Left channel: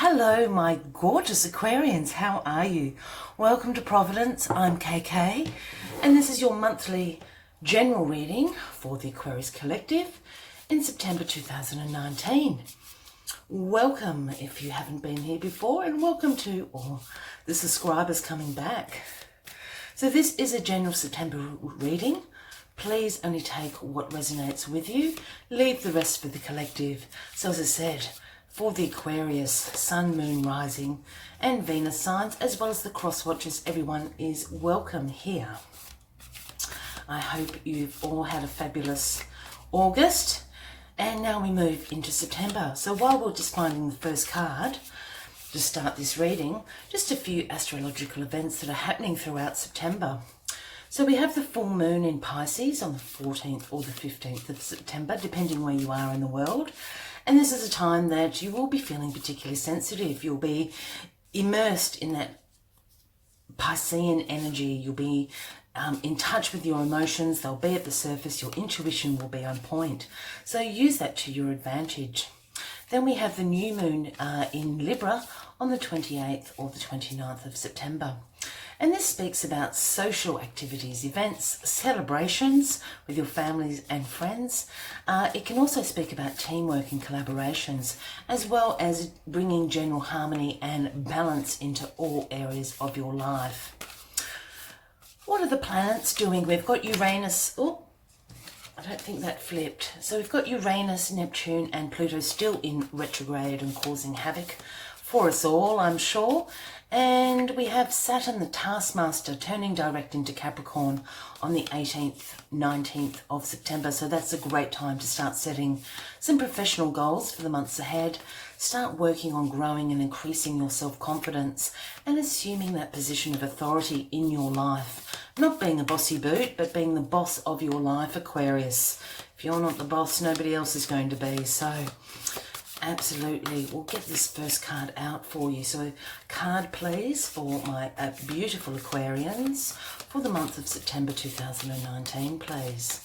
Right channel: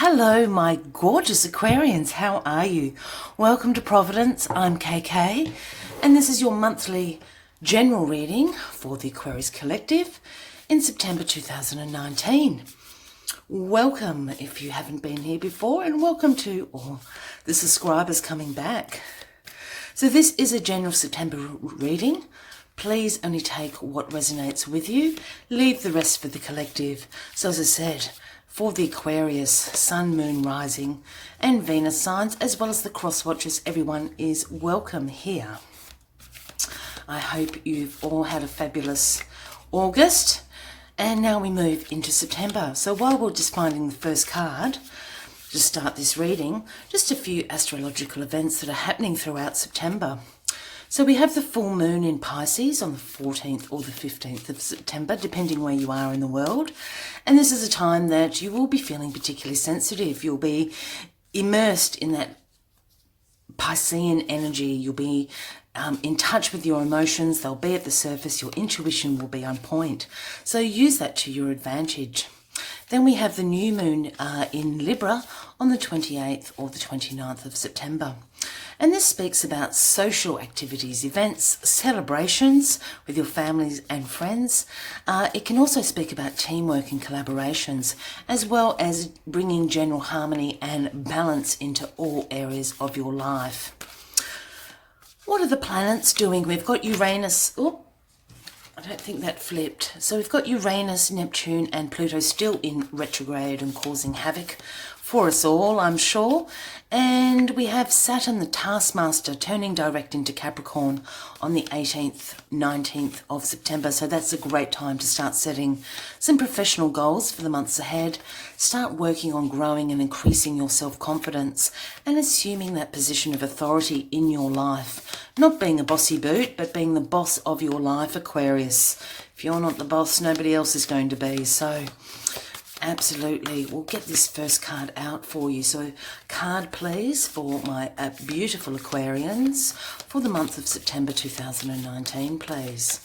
Hello, my gorgeous Aquarians. How are you? Welcome to Providence. I'm KK, and this is your monthly general reading for the Aquarius Collective in September 2019. Welcome if you haven't been here before, and welcome to all the subscribers coming back. So this is a general September reading. Please only take what resonates with you. Leave the rest for the collective. So as I said, for the Aquarius, Sun, Moon, Rising and Venus signs, as well as the cross watchers, everyone is welcome here. I hope you've all had a fabulous August. And now we move into September. So while we're just finding the first card to start this reading, just a few astrological events that are happening throughout September. So we have the full moon in Pisces on the 14th or the 15th of September, depending where you are in the world. And this is a time that you will be feeling particularly sensitive. You'll be immersed in that Piscean energy. You'll be in touch with your emotions. They'll be at the surface. Your intuition will be on point. So use that to your advantage. Then we have the new moon in Libra on the 28th or the 29th of September. And this speaks about social activities, events, celebrations with your families and friends. It can also speak about teamwork and collaborations, as well as bringing general harmony and balance into all areas of your life. What are the planets doing? We've got Uranus. Oh, I don't think that flipped. So we've got Uranus, Neptune and Pluto still in retrograde and causing havoc for us all, I'm sure. And we have Saturn, the taskmaster, turning direct into Capricorn on the 18th, 19th of September. So that's a great time to start setting some professional goals for the months ahead. Start working on growing and increasing your self-confidence and assuming that position of authority in your life. Not being a bossy boot, but being the boss of your life, Aquarius. If you're not the boss, nobody else is going to be. So absolutely, we'll get this first card out for you. So card please for my beautiful Aquarians for the month of September 2019, please.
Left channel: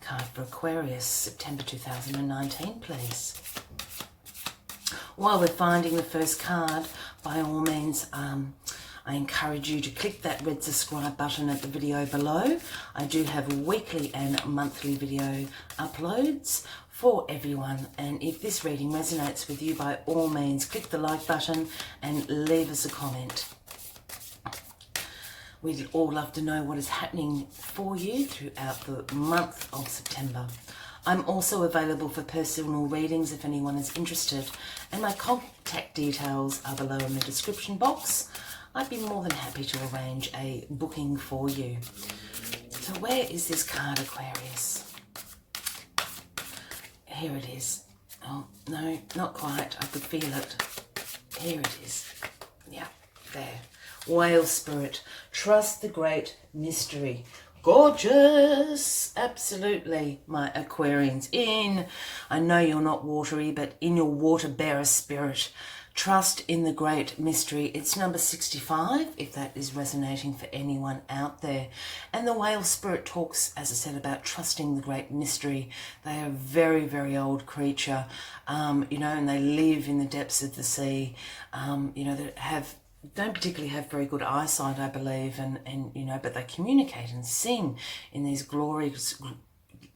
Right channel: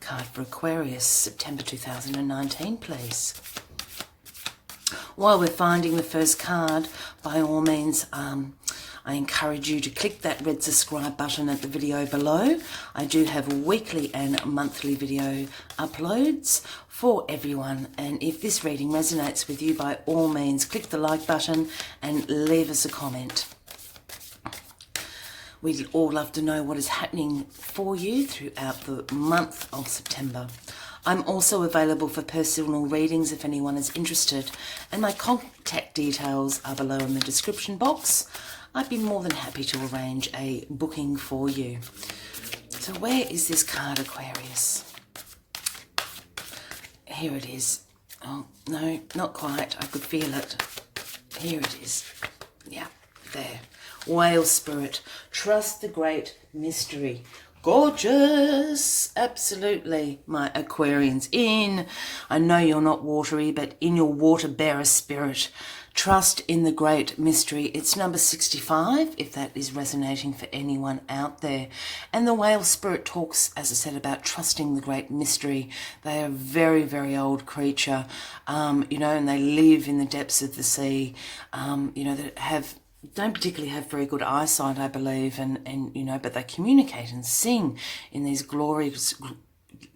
Card for Aquarius, September 2019, please. While we're finding the first card, by all means, I encourage you to click that red subscribe button at the video below. I do have weekly and monthly video uploads for everyone. And if this reading resonates with you, by all means, click the like button and leave us a comment. We'd all love to know what is happening for you throughout the month of September. I'm also available for personal readings if anyone is interested, and my contact details are below in the description box. I'd be more than happy to arrange a booking for you. So where is this card, Aquarius? Here it is. Oh, no, not quite. I could feel it. Here it is. Yeah, there. Whale spirit. Trust the great mystery. Gorgeous. Absolutely, my Aquarians. I know you're not watery, but in your water bearer spirit, trust in the great mystery. It's number 65, if that is resonating for anyone out there. And the whale spirit talks, as I said, about trusting the great mystery. They are a very, very old creature, and they live in the depths of the sea, that don't particularly have very good eyesight, I believe, but they communicate and sing in these glorious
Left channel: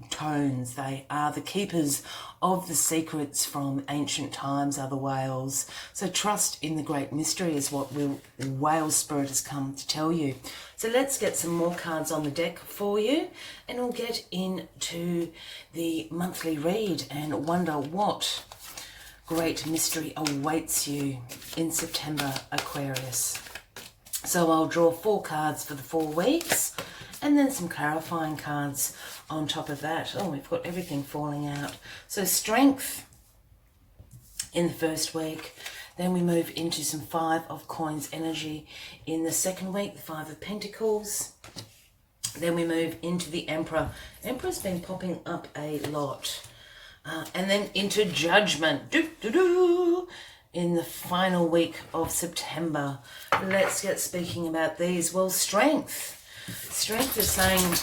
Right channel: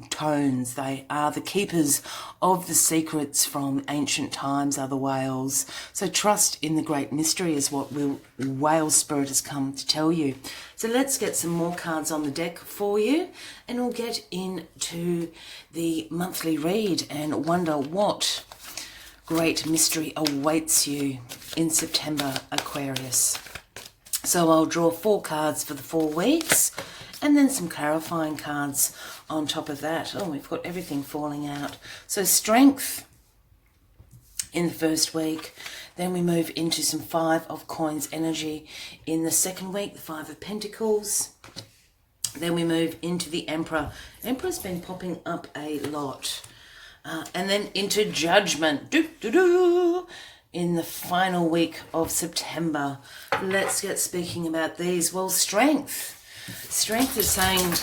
tones. They are the keepers of the secrets from ancient times, are the whales. So trust in the great mystery is what the whale spirit has come to tell you. So let's get some more cards on the deck for you, and we'll get into the monthly read and wonder what great mystery awaits you in September, Aquarius. So I'll draw 4 cards for the 4 weeks and then some clarifying cards on top of that. Oh, we've got everything falling out. So strength in the first week. Then we move into some 5 of coins energy in the second week, the 5 of pentacles. Then we move into the Emperor. Emperor's been popping up a lot. And then into judgment in the final week of September. Let's get speaking about these. Well, strength is saying,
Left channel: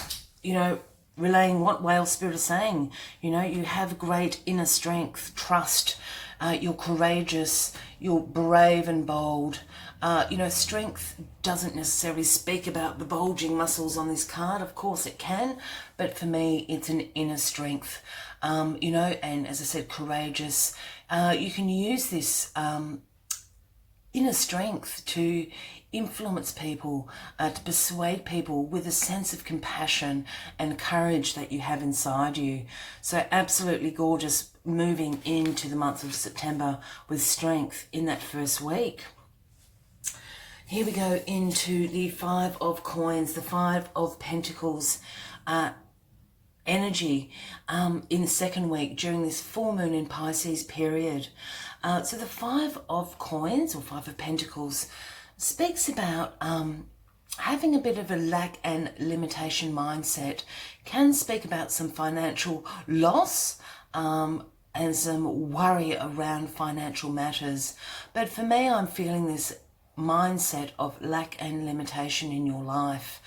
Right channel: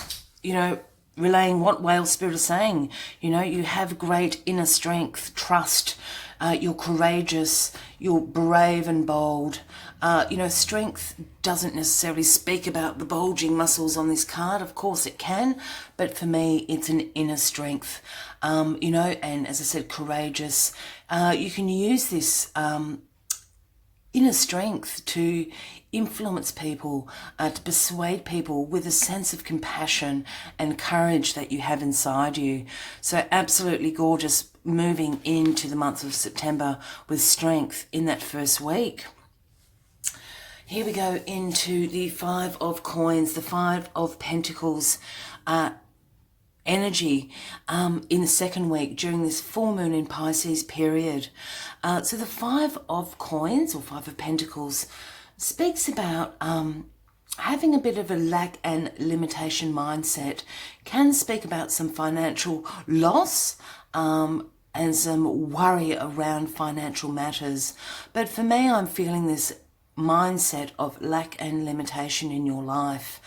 relaying what whale spirit is saying. You know, you have great inner strength, trust, you're courageous, you're brave and bold. You know, strength doesn't necessarily speak about the bulging muscles on this card. Of course it can, but for me it's an inner strength. You know, and as I said, courageous. You can use this inner strength to influence people, to persuade people with a sense of compassion and courage that you have inside you. So absolutely gorgeous, moving into the month of September with strength in that first week. Here we go into the Five of Coins, the Five of Pentacles energy in the second week during this full moon in Pisces period. So the Five of Coins, or Five of Pentacles, speaks about having a bit of a lack and limitation mindset, can speak about some financial loss and some worry around financial matters. But for me, I'm feeling this mindset of lack and limitation in your life.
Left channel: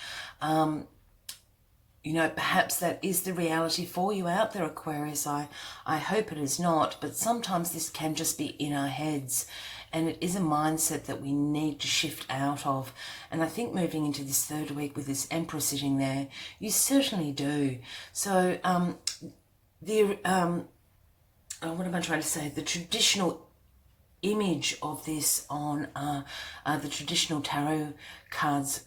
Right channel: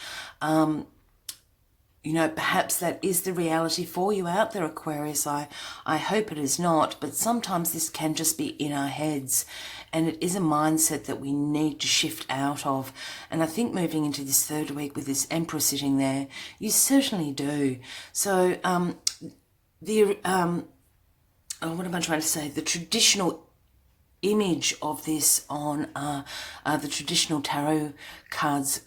You know, perhaps that is the reality for you out there, Aquarius. I hope it is not, but sometimes this can just be in our heads, and it is a mindset that we need to shift out of. And I think moving into this third week with this Emperor sitting there, you certainly do. So what am I trying to say? The traditional image of this on the traditional tarot cards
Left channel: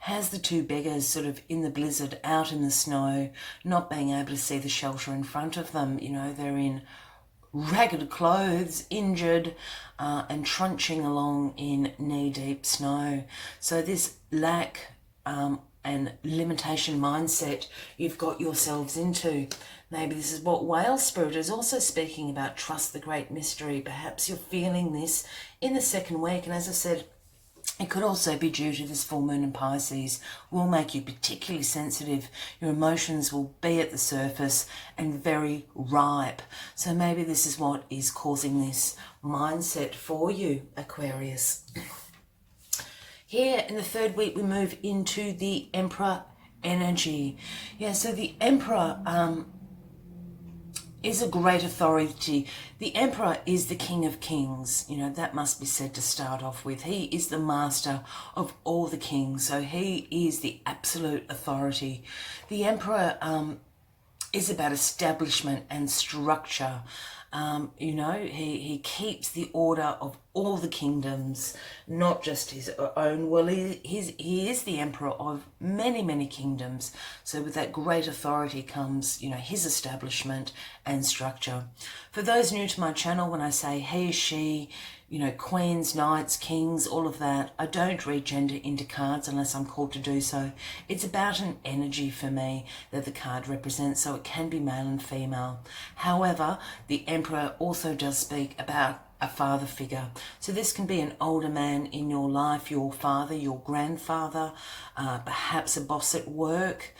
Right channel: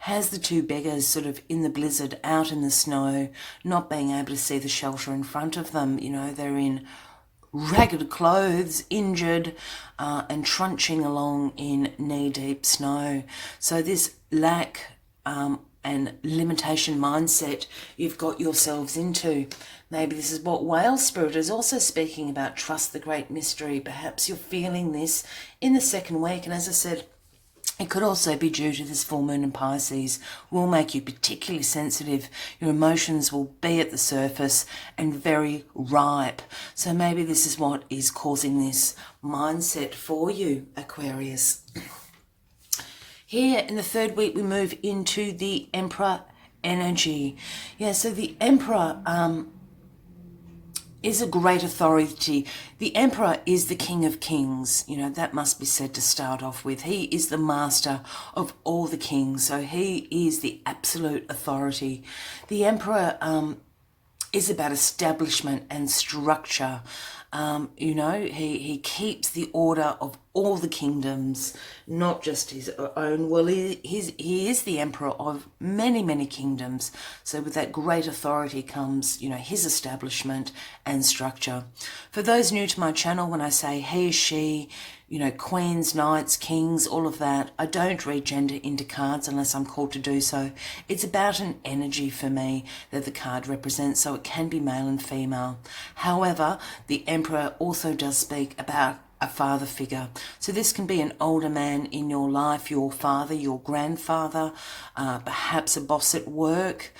has the two beggars sort of in the blizzard, out in the snow, not being able to see the shelter in front of them. You know, they're in ragged clothes, injured, and trunching along in knee-deep snow. So this lack and limitation mindset you've got yourselves into. Maybe this is what whale spirit is also speaking about, trust the great mystery. Perhaps you're feeling this in the second week. And as I said, it could also be due to this full moon in Pisces. Will make you particularly sensitive. Your emotions will be at the surface and very ripe. So maybe this is what is causing this mindset for you, Aquarius. Here in the third week, we move into the Emperor energy. Yeah, so the Emperor is a great authority. The Emperor is the King of Kings. You know, that must be said to start off with. He is the master of all the kings. So he is the absolute authority. The Emperor is about establishment and structure. You know, he keeps the order of all the kingdoms, not just his own. Well, he is the emperor of many, many kingdoms. So with that great authority comes, you know, his establishment and structure. For those new to my channel, when I say he, she, you know, queens, knights, kings, all of that, I don't read gender into cards unless I'm called to do so. It's about an energy for me that the card represents, so it can be male and female. However, the Emperor also does speak about a father figure. So this can be an older man in your life, your father, your grandfather, perhaps a boss at work.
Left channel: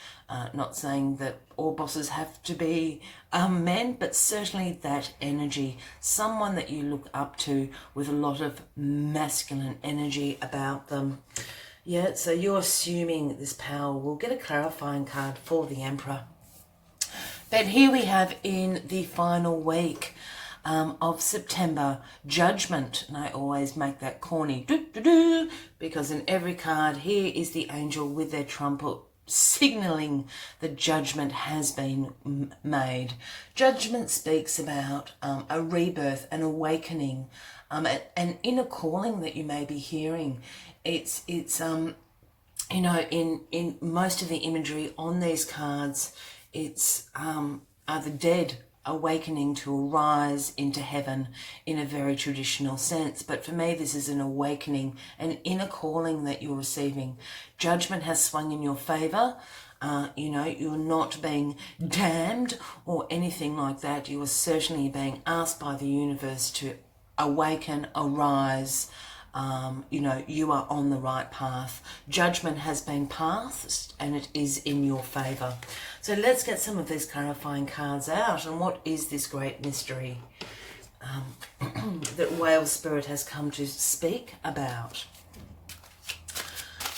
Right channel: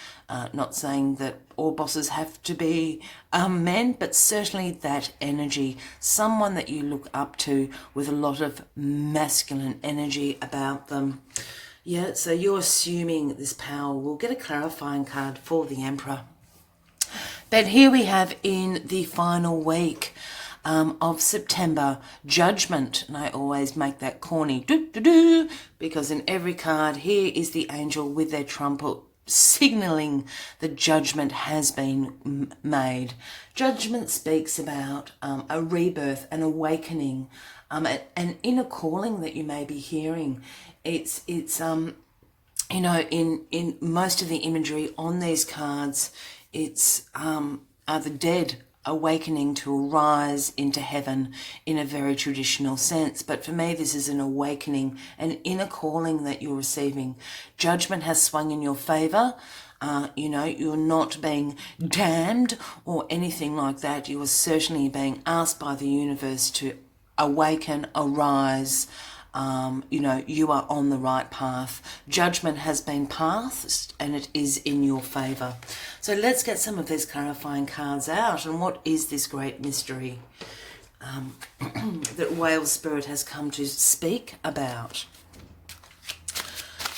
Not saying that all bosses have to be men, but certainly that energy. Someone that you look up to with a lot of masculine energy about them. Yeah, so you're assuming this power. We'll get a clarifying card for the Emperor. But here we have in the final week of September, Judgment. And I always make that corny do because in every card here is the angel with their trumpet signaling that judgment has been made. Judgment speaks about a rebirth, an awakening, an inner calling that you may be hearing. It's you know, in most of the imagery on these cards, it's are the dead awakening to arise into heaven in a very traditional sense. But for me, this is an awakening, an inner calling that you're receiving. Judgment has swung in your favor. You know, you're not being damned or anything like that. You are certainly being asked by the universe to awaken, arise. You know, you are on the right path. Judgment has been passed and it is in your favor. So let's get some of these clarifying cards out. And what is this great mystery that whale spirit has come to speak about?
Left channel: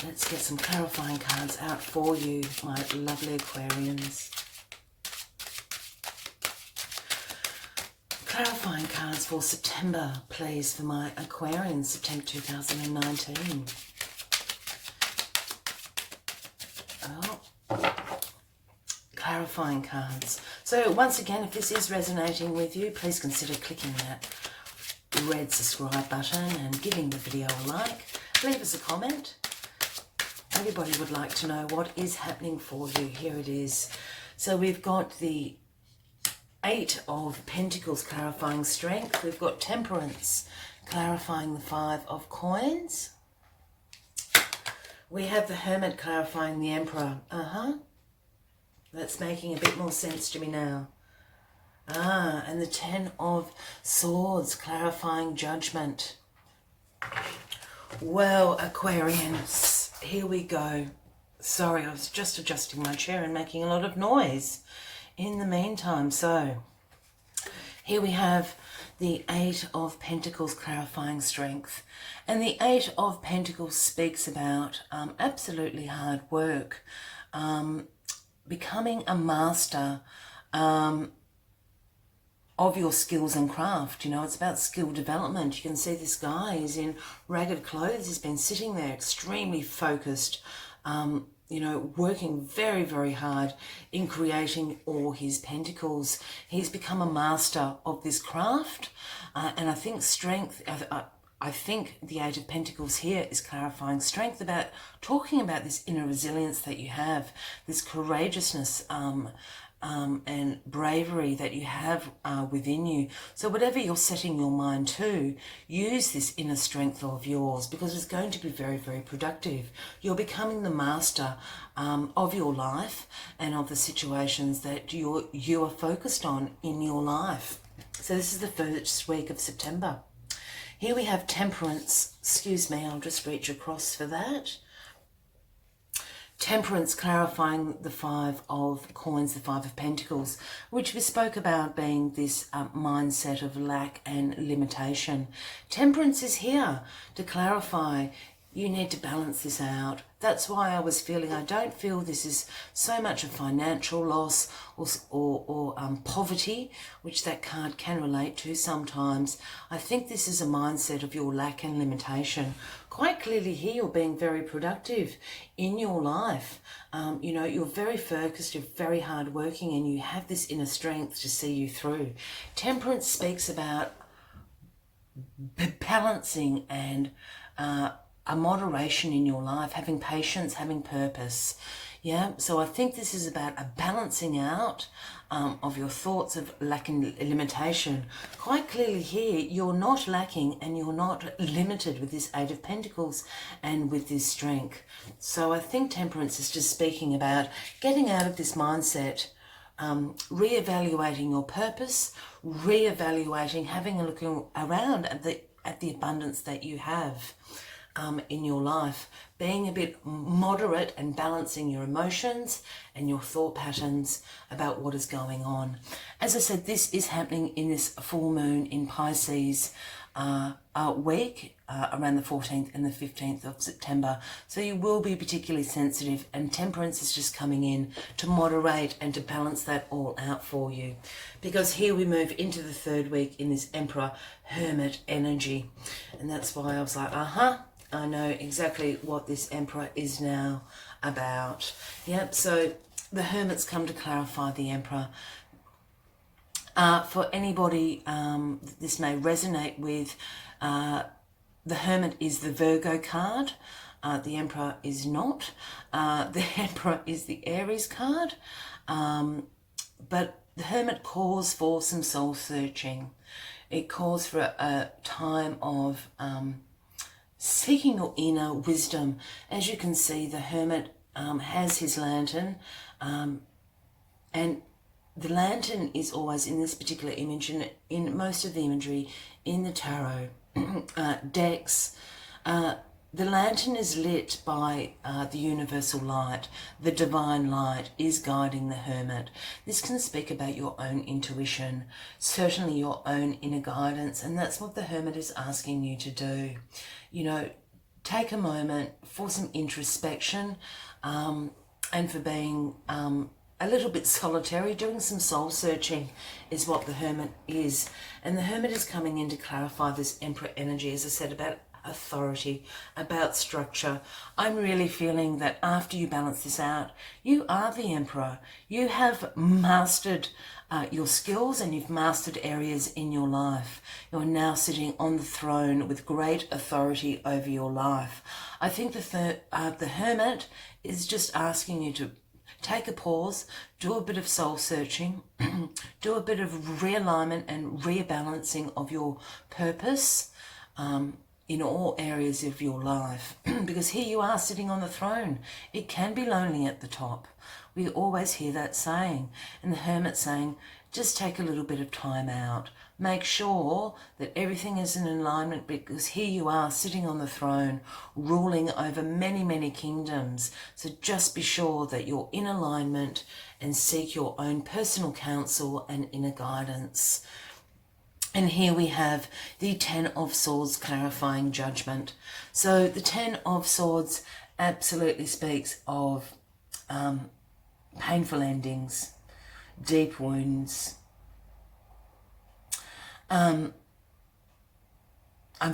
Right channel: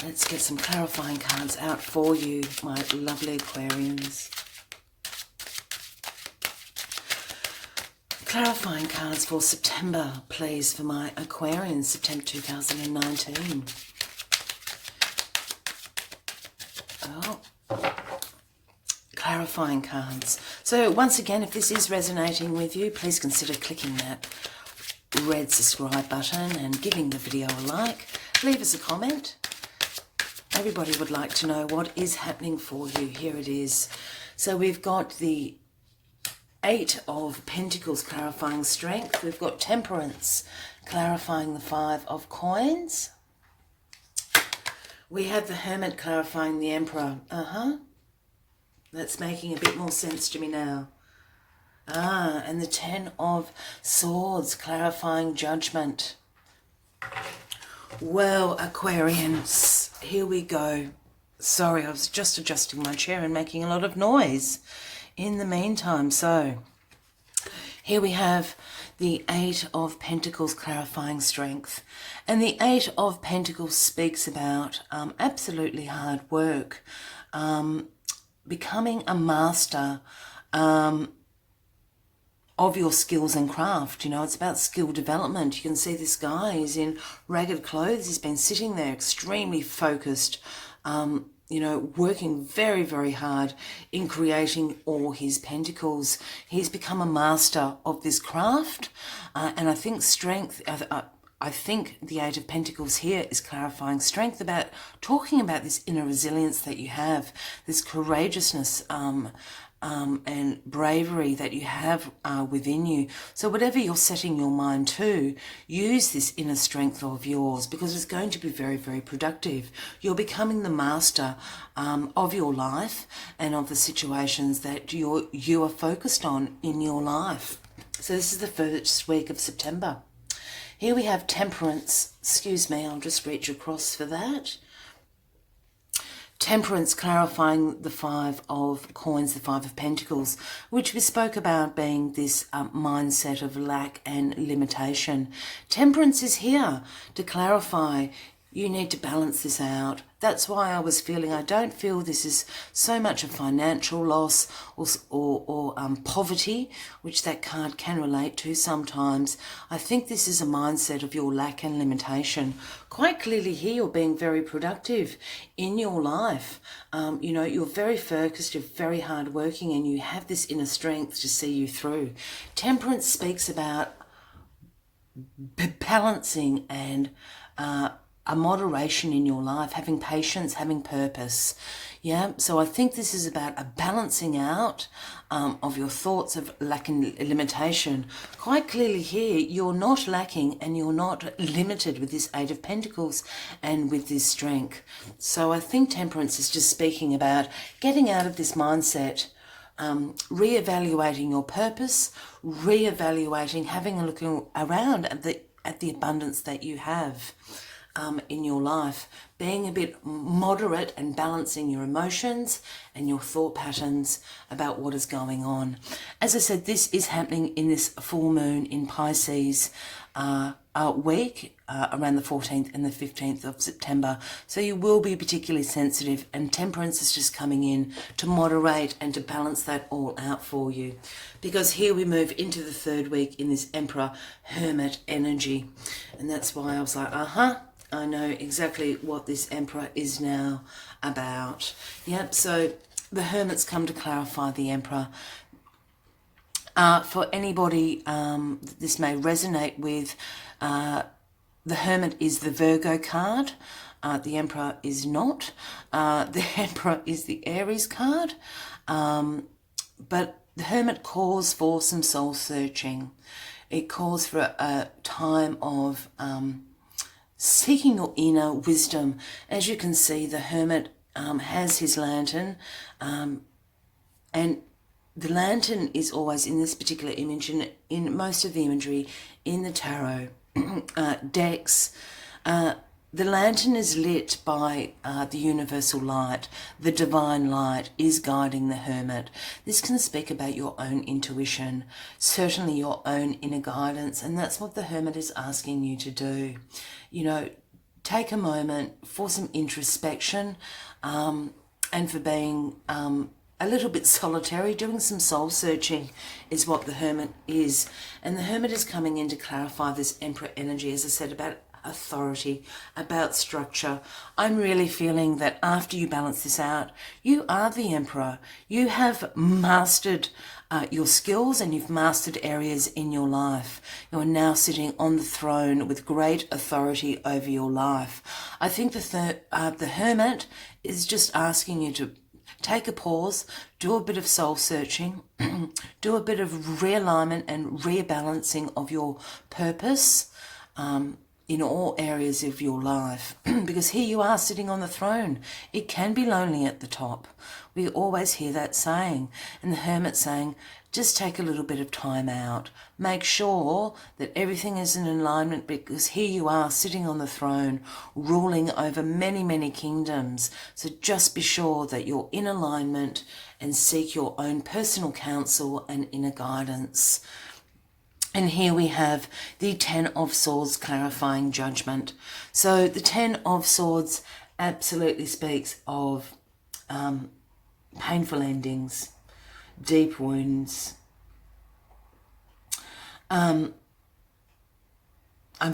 Let's get some clarifying cards out for you, my lovely Aquarians. Clarifying cards for September, please, for my Aquarians, September 2019. Oh, clarifying cards. So once again, if this is resonating with you, please consider clicking that red subscribe button and giving the video a like. Leave us a comment. Everybody would like to know what is happening for you. Here it is. So we've got the 8 of Pentacles clarifying strength. We've got Temperance clarifying the 5 of Coins. We have the Hermit clarifying the Emperor. That's making a bit more sense to me now. And the 10 of Swords clarifying Judgment. Well, Aquarians, here we go. Sorry, I was just adjusting my chair and making a lot of noise in the meantime. So here we have the 8 of Pentacles clarifying strength. And the 8 of Pentacles speaks about absolutely hard work, becoming a master of your skills and craft. You know, it's about skill development. You can see this guy is in ragged clothes. He's been sitting there extremely focused, you know, working very, very hard in creating all his pentacles. He's become a master of this craft. And I think strength, I think the 8 of Pentacles here is clarifying strength, about talking about this inner resilience that you have, this courageousness, and bravery that you have within you. So whatever you're setting your mind to, use this inner strength of yours, because it's going to be very, very productive. You're becoming the master of your life and of the situations that you are focused on in your life. So this is the first week of September. Here we have Temperance. Excuse me, I'll just reach across for that. Temperance clarifying the 5 of Coins, the 5 of Pentacles, which we spoke about being this mindset of lack and limitation. Temperance is here to clarify you need to balance this out. That's why I was feeling, I don't feel this is so much a financial loss or poverty, which that card can relate to sometimes. I think this is a mindset of your lack and limitation. Quite clearly here, you're being very productive in your life. You know, you're very focused, you're very hardworking, and you have this inner strength to see you through. Temperance speaks about balancing and a moderation in your life, having patience, having purpose. Yeah, so I think this is about a balancing out of your thoughts of lack and limitation. Quite clearly here, you're not lacking and you're not limited with this 8 of Pentacles and with this strength. So I think Temperance is just speaking about getting out of this mindset, reevaluating your purpose, reevaluating, having a look around at the abundance that you have in your life, being a bit moderate and balancing your emotions and your thought patterns about what is going on. As I said, this is happening in this full moon in Pisces week, around the 14th and the 15th of September. So you will be particularly sensitive, and Temperance is just coming in to moderate and to balance that all out for you. Because here we move into the 3rd week in this Emperor Hermit energy. And that's why I was like, I know exactly what this Emperor is now about. Yep, so the Hermit's come to clarify the Emperor. For anybody this may resonate with, the Hermit is the Virgo card. The Emperor is not. The Emperor is the Aries card. But the Hermit calls for some soul searching. It calls for a time of seeking your inner wisdom. As you can see, the Hermit has his lantern, and the lantern is always in this particular image, and in most of the imagery in the tarot decks. The lantern is lit by the universal light. The divine light is guiding the Hermit. This can speak about your own intuition, certainly your own inner guidance, and that's what the Hermit is asking you to do. You know, take a moment for some introspection and for being a little bit solitary, doing some soul searching is what the Hermit is. And the Hermit is coming in to clarify this Emperor energy, as I said, about authority, about structure. I'm really feeling that after you balance this out, you are the Emperor. You have mastered your skills, and you've mastered areas in your life. You're now sitting on the throne with great authority over your life. I think the Hermit is just asking you to take a pause, do a bit of soul searching, do a bit of realignment and rebalancing of your purpose in all areas of your life. Because here you are sitting on the throne. It can be lonely at the top. We always hear that saying. And the Hermit saying, just take a little bit of time out. Make sure that everything is in alignment, because here you are sitting on the throne, ruling over many, many kingdoms. So just be sure that you're in alignment and seek your own personal counsel and inner guidance. And here we have the Ten of Swords clarifying judgment. So the Ten of Swords absolutely speaks of painful endings, deep wounds. I'm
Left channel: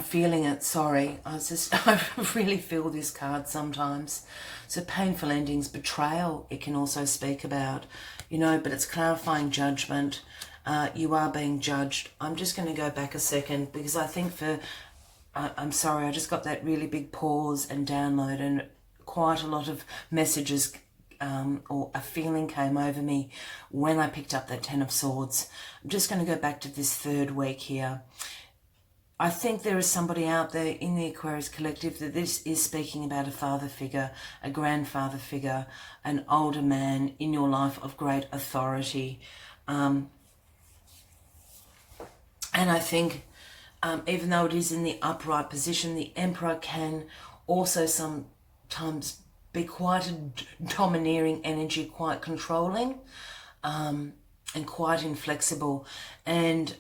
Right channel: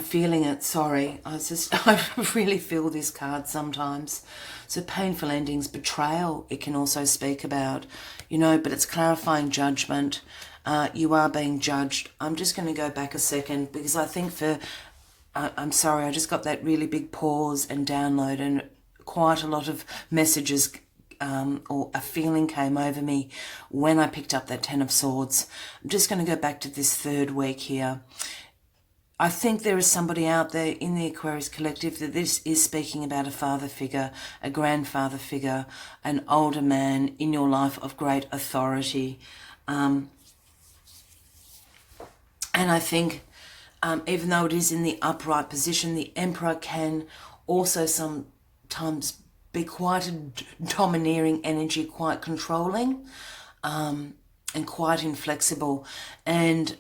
feeling it, sorry. I really feel this card sometimes. So painful endings, betrayal, it can also speak about, but it's clarifying judgment. You are being judged. I'm just going to go back a second, because I think I'm sorry, I just got that really big pause and download, and quite a lot of messages or a feeling came over me when I picked up that Ten of Swords. I'm just going to go back to this third week here. I think there is somebody out there in the Aquarius collective that this is speaking about a father figure, a grandfather figure, an older man in your life of great authority. And I think even though it is in the upright position, the Emperor can also sometimes be quite a domineering energy, quite controlling, and quite inflexible. And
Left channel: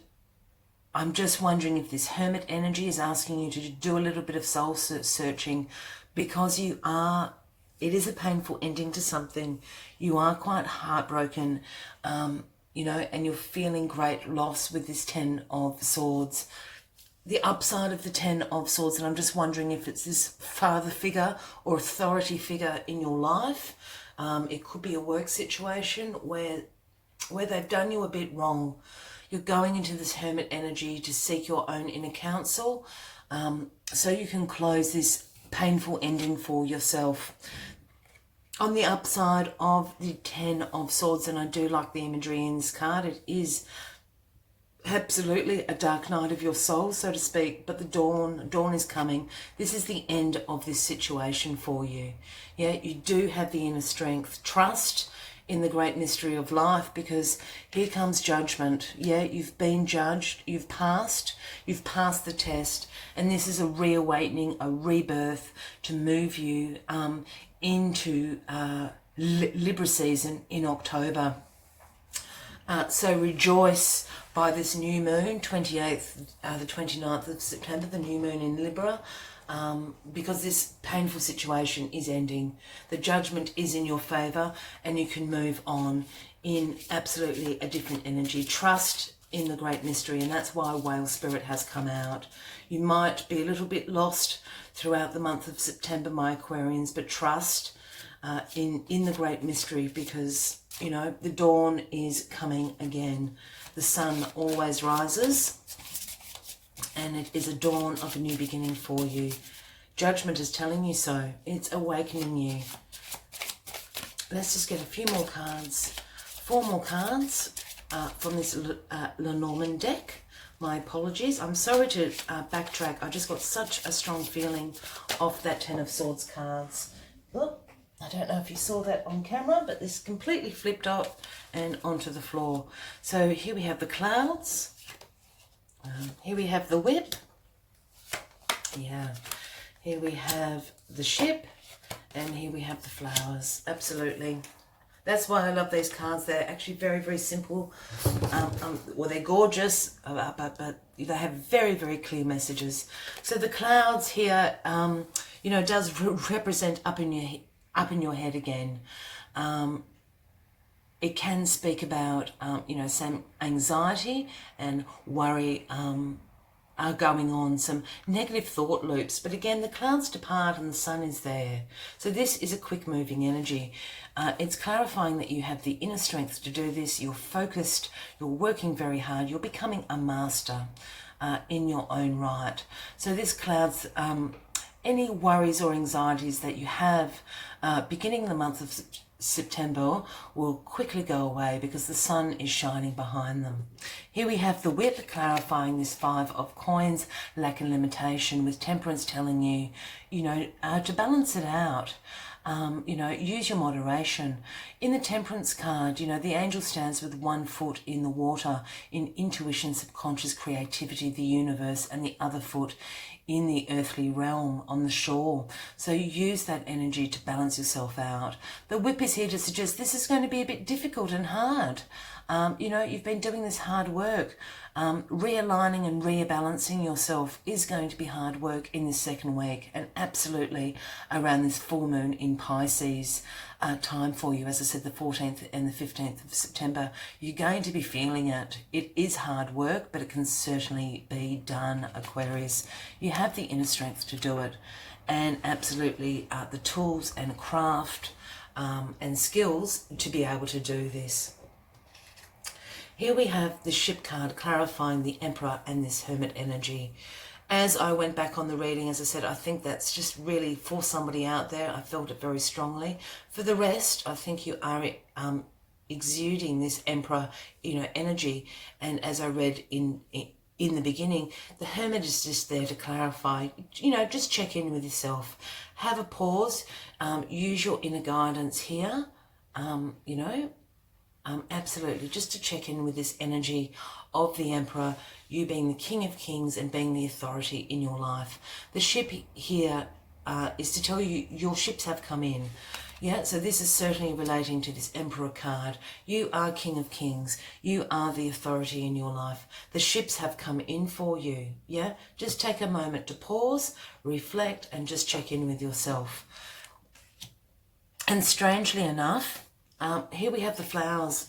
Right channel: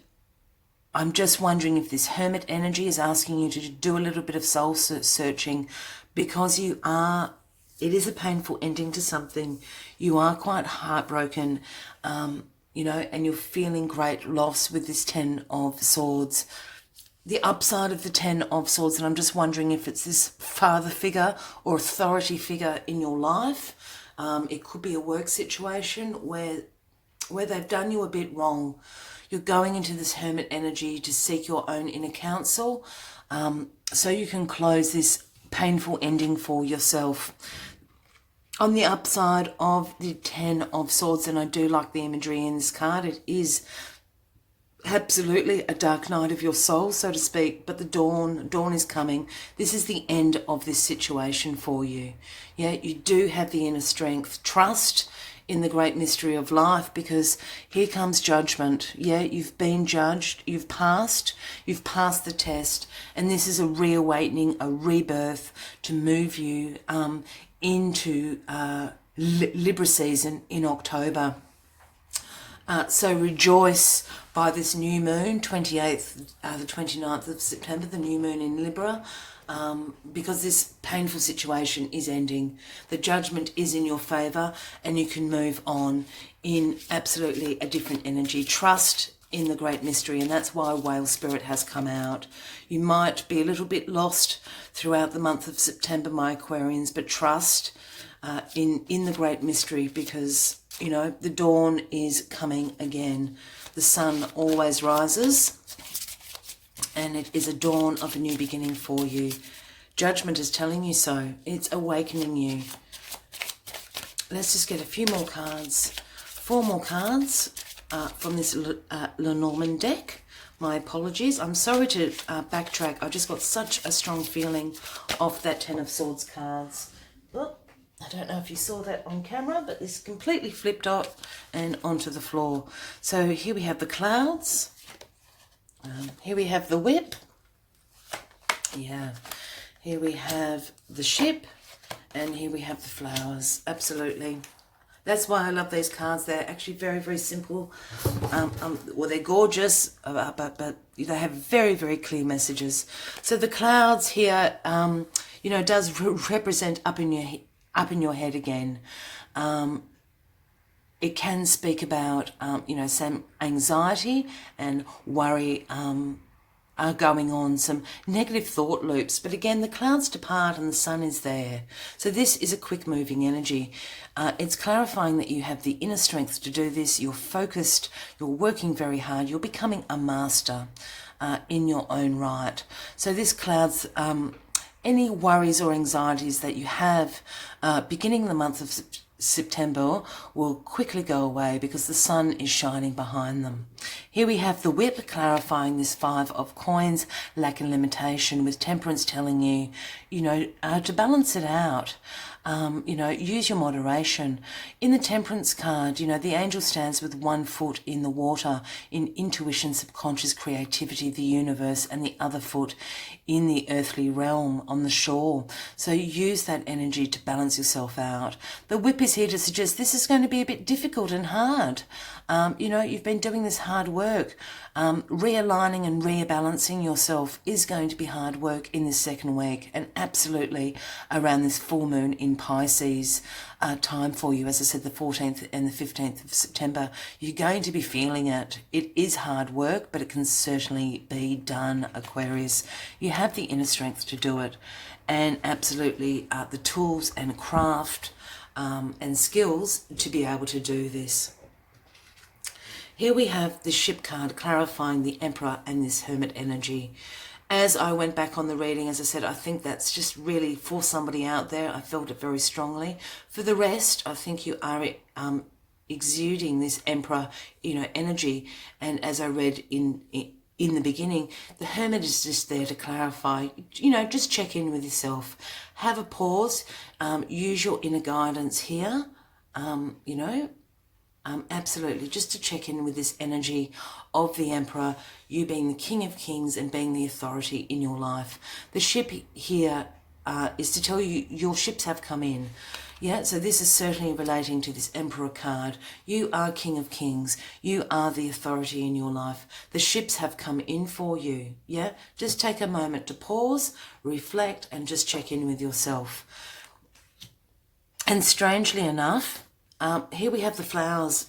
I'm just wondering if this Hermit energy is asking you to do a little bit of soul searching, because it is a painful ending to something. You are quite heartbroken, and you're feeling great loss with this Ten of Swords. The upside of the Ten of Swords, and I'm just wondering if it's this father figure or authority figure in your life. It could be a work situation where they've done you a bit wrong. You're going into this Hermit energy to seek your own inner counsel, so you can close this painful ending for yourself. On the upside of the Ten of Swords, and I do like the imagery in this card, it is absolutely a dark night of your soul, so to speak, but the dawn is coming. This is the end of this situation for you. Yeah, you do have the inner strength. Trust in the great mystery of life, because here comes judgment. Yeah, you've been judged, you've passed the test, and this is a reawakening, a rebirth to move you into Libra season in October. So rejoice by this new moon, 28th, the 29th of September, the new moon in Libra, because this painful situation is ending. The judgment is in your favour, and you can move on in absolutely a different energy. Trust in the great mystery, and that's why Whale Spirit has come out. You might be a little bit lost throughout the month of September, my Aquarians, but trust in the great mystery, because the dawn is coming again. The sun always rises, and it is a dawn of a new beginning for you. Judgment is telling you so. It's awakening you. Let's just get a few more cards. 4 more cards from this Lenormand deck. My apologies. I'm sorry to backtrack. I just got such a strong feeling off that Ten of Swords cards. Oh, I don't know if you saw that on camera, but this completely flipped off and onto the floor. So here we have the clouds. Here we have the whip. Yeah. Here we have the ship. And here we have the flowers. Absolutely. That's why I love these cards. They're actually very, very simple. Well, they're gorgeous, but they have very, very clear messages. So the clouds here, does represent up in your head again. it can speak about, some anxiety and worry are going on, some negative thought loops. But again, the clouds depart and the sun is there. So this is a quick moving energy. It's clarifying that you have the inner strength to do this. You're focused, you're working very hard, you're becoming a master in your own right. So this clouds any worries or anxieties that you have beginning the month of September will quickly go away because the sun is shining behind them. Here we have the whip clarifying this 5 of coins, lack and limitation, with temperance telling you, to balance it out. Use your moderation. In the temperance card, the angel stands with one foot in the water, in intuition, subconscious creativity, the universe, and the other foot in the earthly realm on the shore. So use that energy to balance yourself out. The whip is here to suggest this is going to be a bit difficult and hard. You've been doing this hard work. Realigning and rebalancing yourself is going to be hard work in this second week, and absolutely around this full moon in Pisces time for you. As I said, the 14th and the 15th of September, you're going to be feeling it. It is hard work, but it can certainly be done, Aquarius. You have the inner strength to do it, and absolutely the tools and craft and skills to be able to do this. Here we have the ship card clarifying the Emperor and this Hermit energy. As I went back on the reading, as I said, I think that's just really for somebody out there. I felt it very strongly. For the rest, I think you are exuding this Emperor, energy. And as I read in the beginning, the Hermit is just there to clarify, just check in with yourself. Have a pause. Use your inner guidance here, absolutely, just to check in with this energy of the Emperor, you being the King of Kings and being the authority in your life. The ship here is to tell you your ships have come in. Yeah, so this is certainly relating to this Emperor card. You are King of Kings. You are the authority in your life. The ships have come in for you. Yeah, just take a moment to pause, reflect, and just check in with yourself. And strangely enough, here we have the flowers.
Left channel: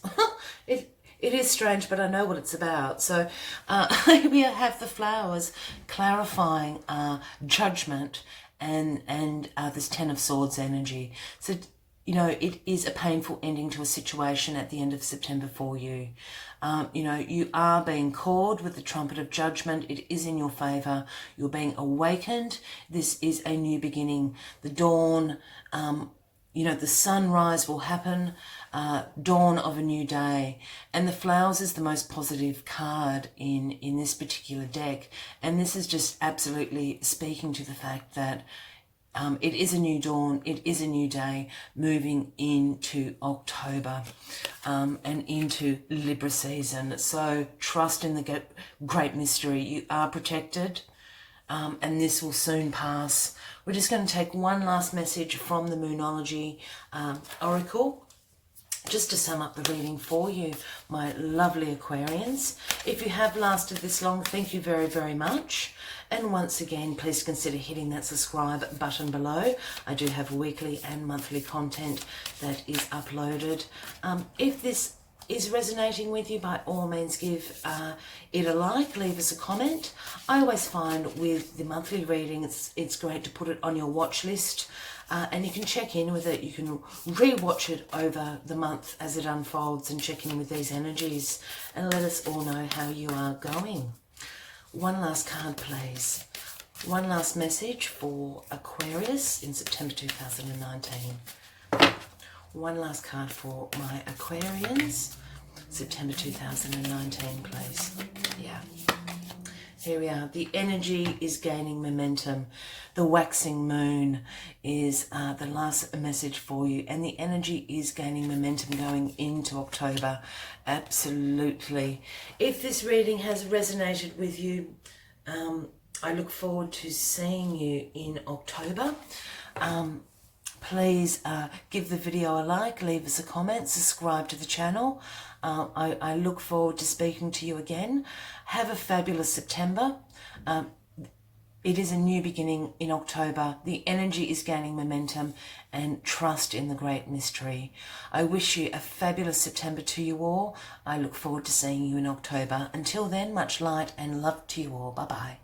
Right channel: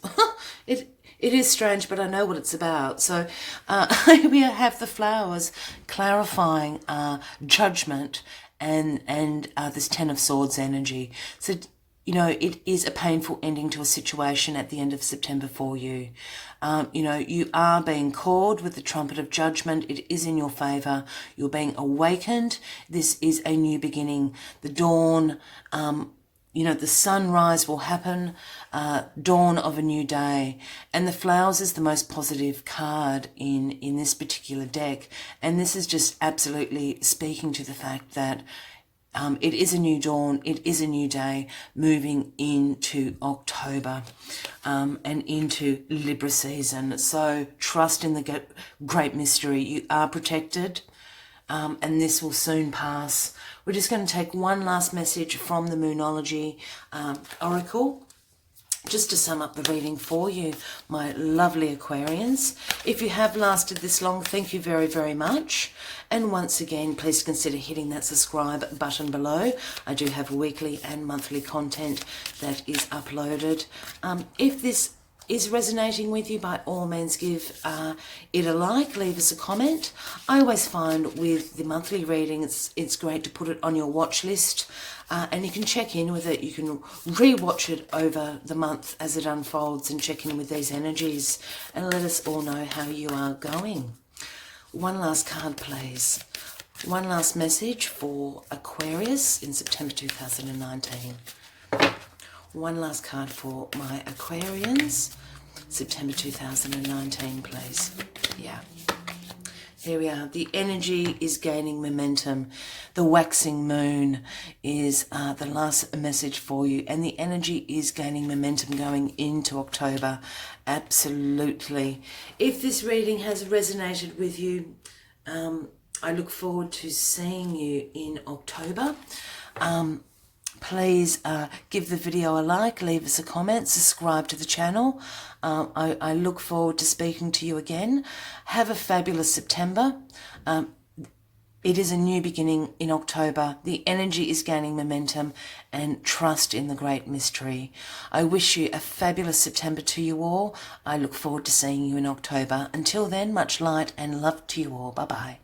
It is strange, but I know what it's about. So here we have the flowers clarifying judgment and this 10 of Swords energy. So, it is a painful ending to a situation at the end of September for you. You are being called with the trumpet of judgment. It is in your favour. You're being awakened. This is a new beginning. The dawn, the sunrise will happen, dawn of a new day. And the flowers is the most positive card in this particular deck. And this is just absolutely speaking to the fact that it is a new dawn, it is a new day, moving into October and into Libra season. So trust in the great mystery. You are protected, and this will soon pass. We're just going to take one last message from the Moonology Oracle, just to sum up the reading for you, my lovely Aquarians. If you have lasted this long, thank you very, very much. And once again, please consider hitting that subscribe button below. I do have weekly and monthly content that is uploaded. If this is resonating with you, by all means give it a like, leave us a comment. I always find with the monthly reading, it's great to put it on your watch list, and you can check in with it. You can re-watch it over the month as it unfolds and check in with these energies and let us all know how you are going. One last card, please. One last message for Aquarius in September 2019. One last card for my Aquarians, September 2019, please. Yeah. Here we are. The energy is gaining momentum. The waxing moon is the last message for you. And the energy is gaining momentum going into October. Absolutely. If this reading has resonated with you, I look forward to seeing you in October. Please give the video a like, leave us a comment, subscribe to the channel. I look forward to speaking to you again. Have a fabulous September. It is a new beginning in October. The energy is gaining momentum and trust in the great mystery. I wish you a fabulous September to you all. I look forward to seeing you in October. Until then, much light and love to you all. Bye-bye.